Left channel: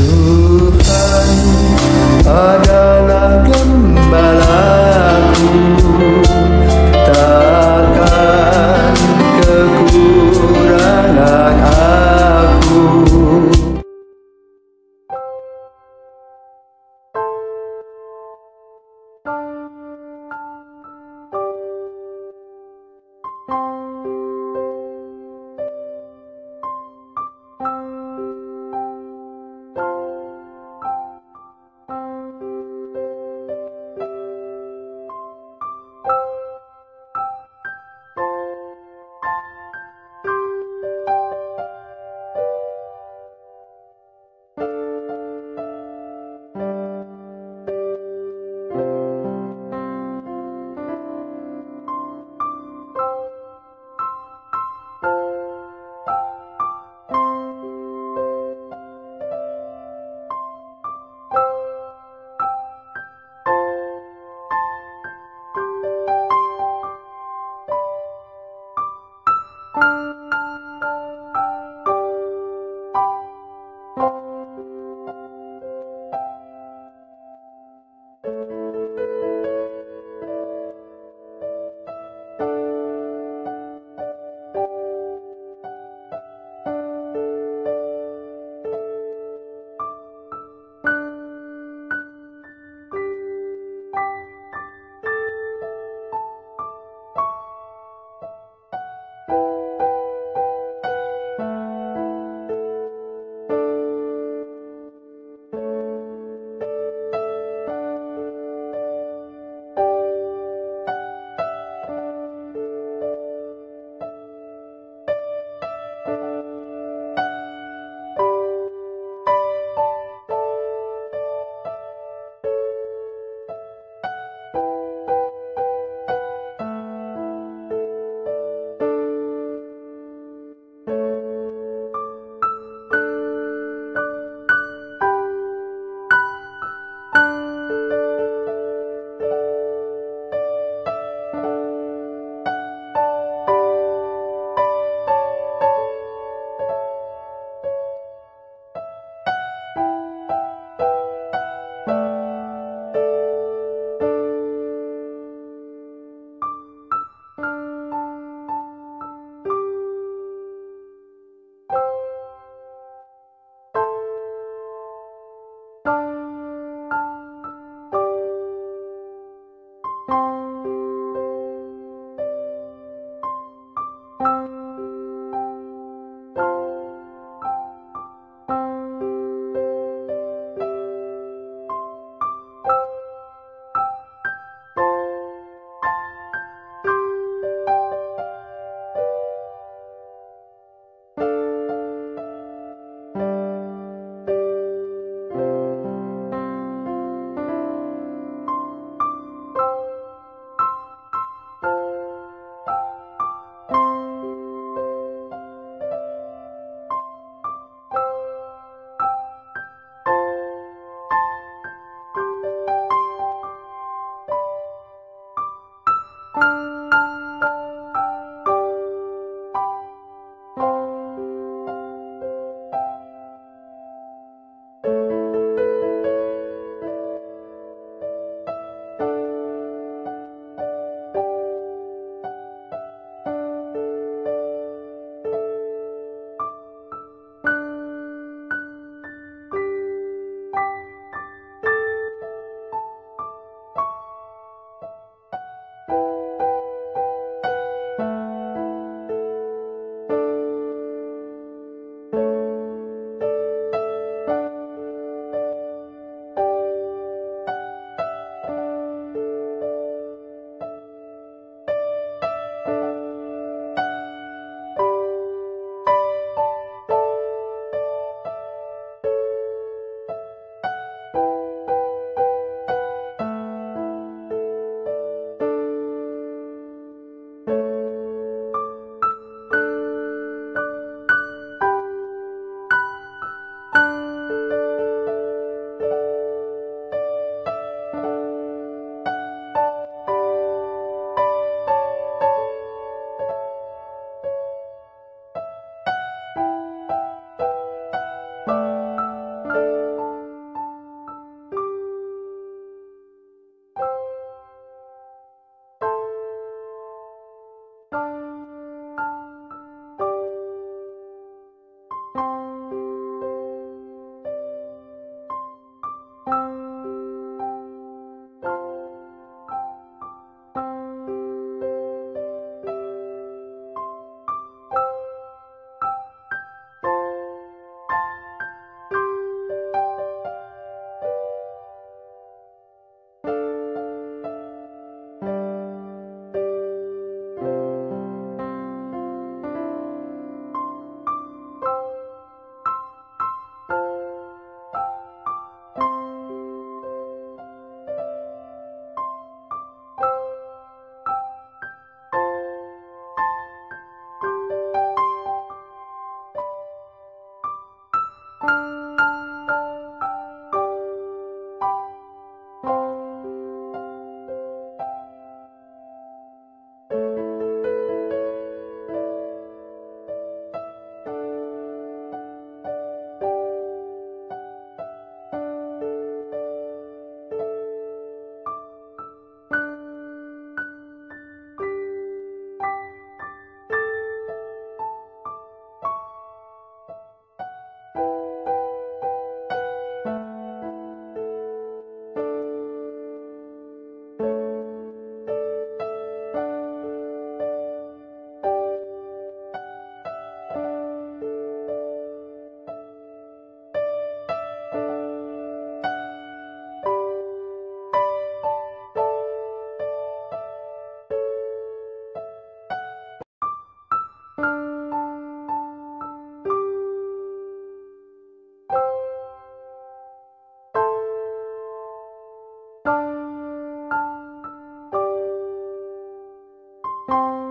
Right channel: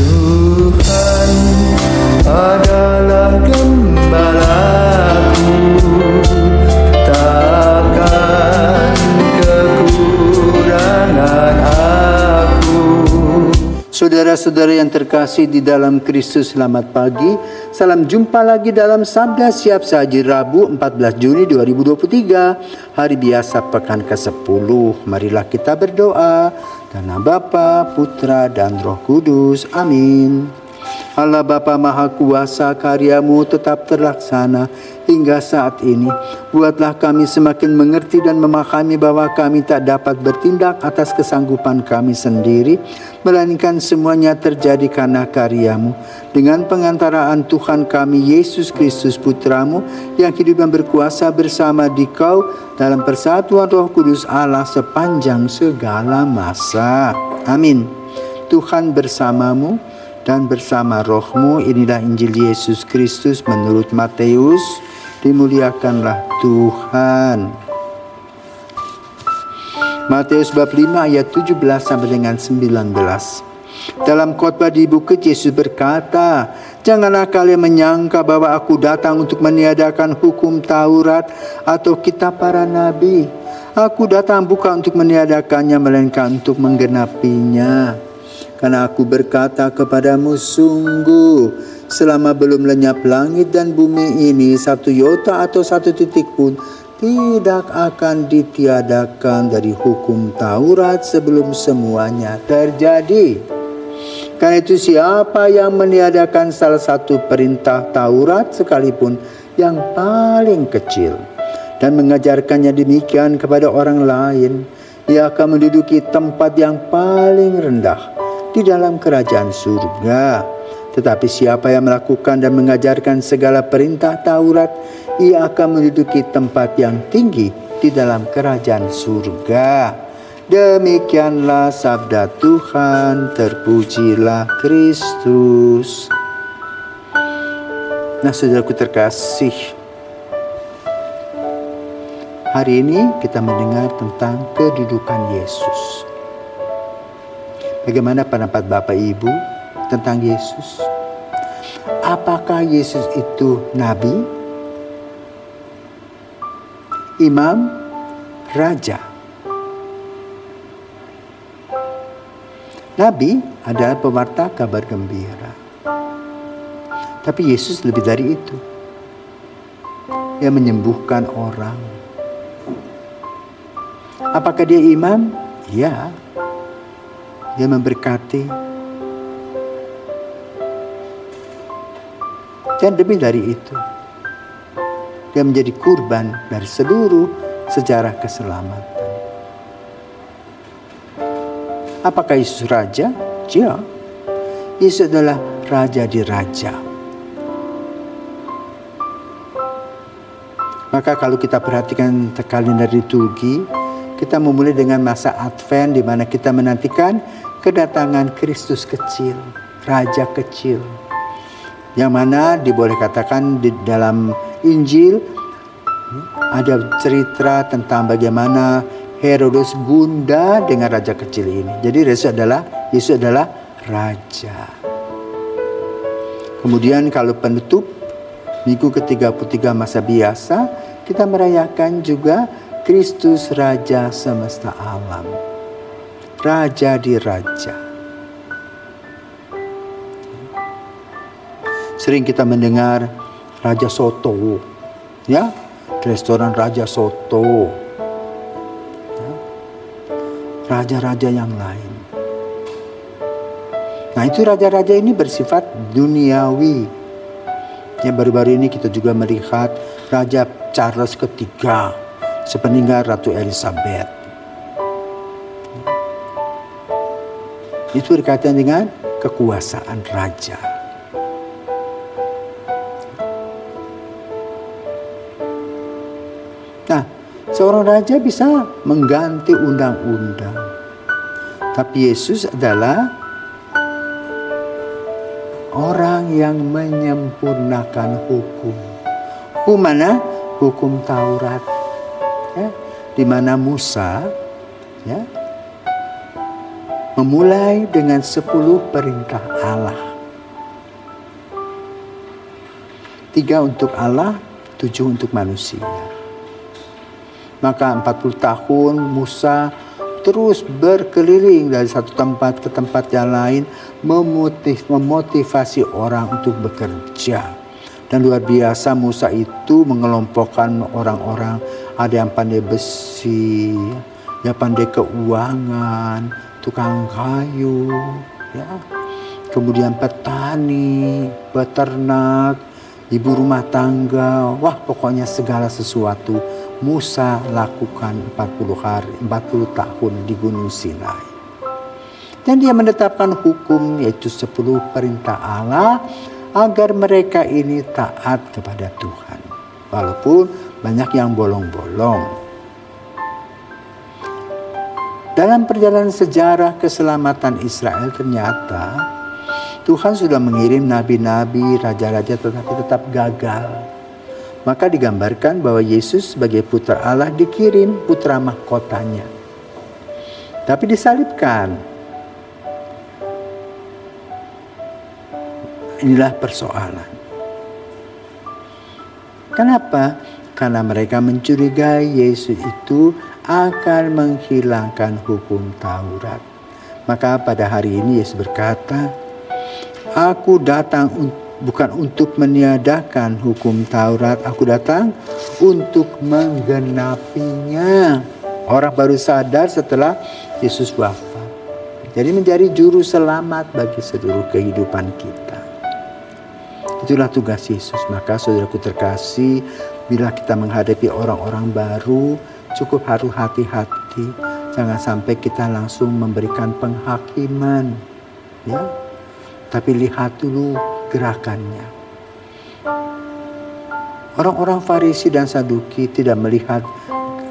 Tuhan adalah gembalaku, takkan kekurangan aku. Saudara-saudara yang terkasih di dalam Kristus, selamat pagi. Salam jumpa lagi dalam Sabda Siap Saji Rabu 14 Juni 2023, hari biasa pekan ke-10. Marilah kita berdoa. Dalam nama Bapa, Putra, dan Roh Kudus. Amin. Allah Bapa Maha Kuasa, karya-Mu tetap terlaksana hingga saat ini. Buatlah kami semakin mengerti dan memahami bahwa kami tak dapat bertindak atas kesanggupan kami sendiri, melainkan semuanya terjadi karena karya-Mu. Dengan pengantaraan Tuhan kami Yesus Kristus Putra-Mu, yang hidup dan berkuasa bersama Dikau dalam persatuan Roh Kudus Allah sepanjang segala masa. Amin. Tuhan bersamamu dan bersama rohmu. Inilah Injil Yesus Kristus menurut Matius. Dimuliakanlah Tuhan. Matius bab 5 ayat 17 sampai dengan 19. Dalam khotbah di bukit, Yesus berkata, "Janganlah kalian menyangka bahwa aku datang untuk meniadakan hukum Taurat atau kitab para nabi. Aku datang bukan untuk meniadakannya, melainkan untuk menggenapinya. Karena aku berkata kepadamu, sungguh selama belum lenyap langit dan bumi ini, satu iota atau satu titik pun tidak akan ditiadakan dari hukum Taurat sebelum semuanya terjadi. Karena itu siapa yang meniadakan salah satu perintah Taurat sekalipun yang paling kecil dan mengajarkannya demikian kepada orang lain, ia akan menduduki tempat yang paling rendah di dalam kerajaan surga. Tetapi siapa yang melakukan dan mengajarkan segala perintah Taurat, ia akan menduduki tempat yang tinggi di dalam kerajaan surga." Demikianlah sabda Tuhan, terpujilah Kristus. Nah, saudaraku terkasih, hari ini kita mendengar tentang kedudukan Yesus. Bagaimana pendapat Bapak Ibu tentang Yesus? Apakah Yesus itu nabi, imam, raja? Nabi adalah pewarta kabar gembira. Tapi Yesus lebih dari itu. Dia menyembuhkan orang. Apakah dia imam? Ya. Dia memberkati. Dan lebih dari itu, dia menjadi kurban dari seluruh sejarah keselamatan. Apakah Yesus raja? Ya. Yesus adalah raja di raja. Maka kalau kita perhatikan kalender liturgi, kita memulai dengan masa Advent, di mana kita menantikan kedatangan Kristus kecil, Raja kecil. Yang mana diboleh katakan di dalam Injil ada cerita tentang bagaimana Herodes gundah dengan raja kecil ini. Jadi Yesus adalah raja. Kemudian kalau penutup minggu ke-33 masa biasa, kita merayakan juga Kristus Raja semesta alam. Raja di raja. Sering kita mendengar Raja Soto, ya, restoran Raja Soto, ya. Raja-raja yang lain. Nah, itu raja-raja ini bersifat duniawi. Ya, baru-baru ini kita juga melihat Raja Charles III sepeninggal Ratu Elizabeth. Itu berkaitan dengan kekuasaan raja. Nah, seorang raja bisa mengganti undang-undang. Tapi Yesus adalah orang yang menyempurnakan hukum. Hukum mana? Hukum Taurat. Ya, di mana Musa, ya, memulai dengan 10 perintah Allah. 3 untuk Allah, 7 untuk manusia. Maka 40 tahun Musa terus berkeliling dari satu tempat ke tempat yang lain, memotivasi orang untuk bekerja. Dan luar biasa Musa itu mengelompokkan orang-orang, ada yang pandai besi, yang pandai keuangan, tukang kayu, ya. Kemudian petani, peternak, ibu rumah tangga, wah pokoknya segala sesuatu Musa lakukan 40 tahun di Gunung Sinai. Dan dia menetapkan hukum, yaitu 10 perintah Allah, agar mereka ini taat kepada Tuhan. Walaupun banyak yang bolong-bolong. Dalam perjalanan sejarah keselamatan Israel ternyata Tuhan sudah mengirim nabi-nabi, raja-raja, tetapi tetap gagal. Maka digambarkan bahwa Yesus sebagai putra Allah dikirim putra mahkotanya. Tapi disalibkan. Inilah persoalan. Kenapa? Karena mereka mencurigai Yesus itu akan menghilangkan hukum Taurat. Maka pada hari ini Yesus berkata, "Aku datang bukan untuk meniadakan hukum Taurat, aku datang untuk menggenapinya." Orang baru sadar setelah Yesus wafat. Jadi menjadi juru selamat bagi seluruh kehidupan kita. Itulah tugas Yesus. Maka saudaraku terkasih, bila kita menghadapi orang-orang baru, cukup harus hati-hati. Jangan sampai kita langsung memberikan penghakiman. Ya. Tapi lihat dulu gerakannya. Orang-orang Farisi dan Saduki tidak melihat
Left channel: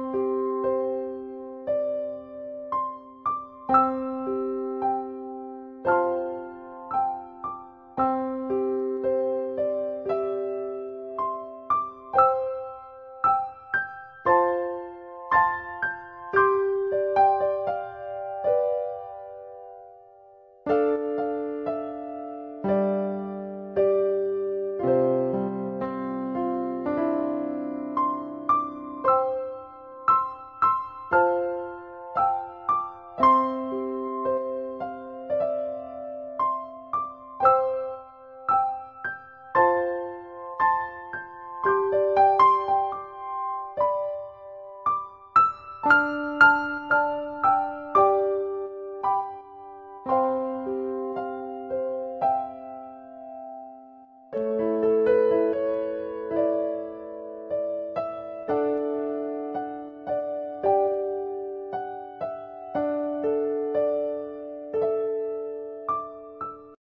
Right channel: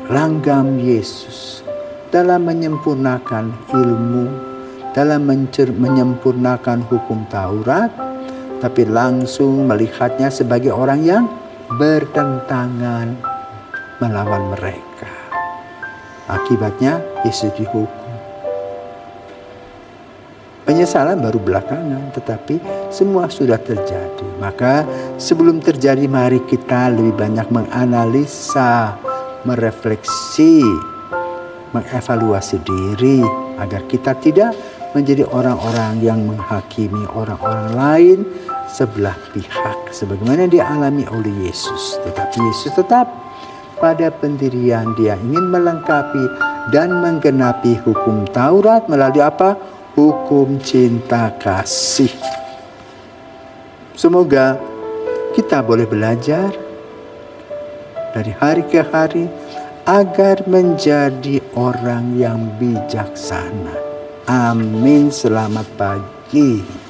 langgam Yesus dalam menyempurnakan ilmu, dalam menyempurnakan hukum Taurat, tapi langsung melihatnya sebagai orang yang bertentangan melawan mereka. Akibatnya Yesus dihukum. Penyesalan baru belakangan, tetapi semua sudah terjadi. Maka sebelum terjadi, mari kita lebih banyak menganalisa, merefleksi, mengevaluasi diri agar kita tidak menjadi orang-orang yang menghakimi orang-orang lain sebelah pihak sebagaimana dialami oleh Yesus. Tetapi Yesus tetap pada pendirian, dia ingin melengkapi dan menggenapi hukum Taurat melalui apa? Hukum cinta kasih. Semoga kita boleh belajar dari hari ke hari agar menjadi orang yang bijaksana. Amin. Selamat pagi.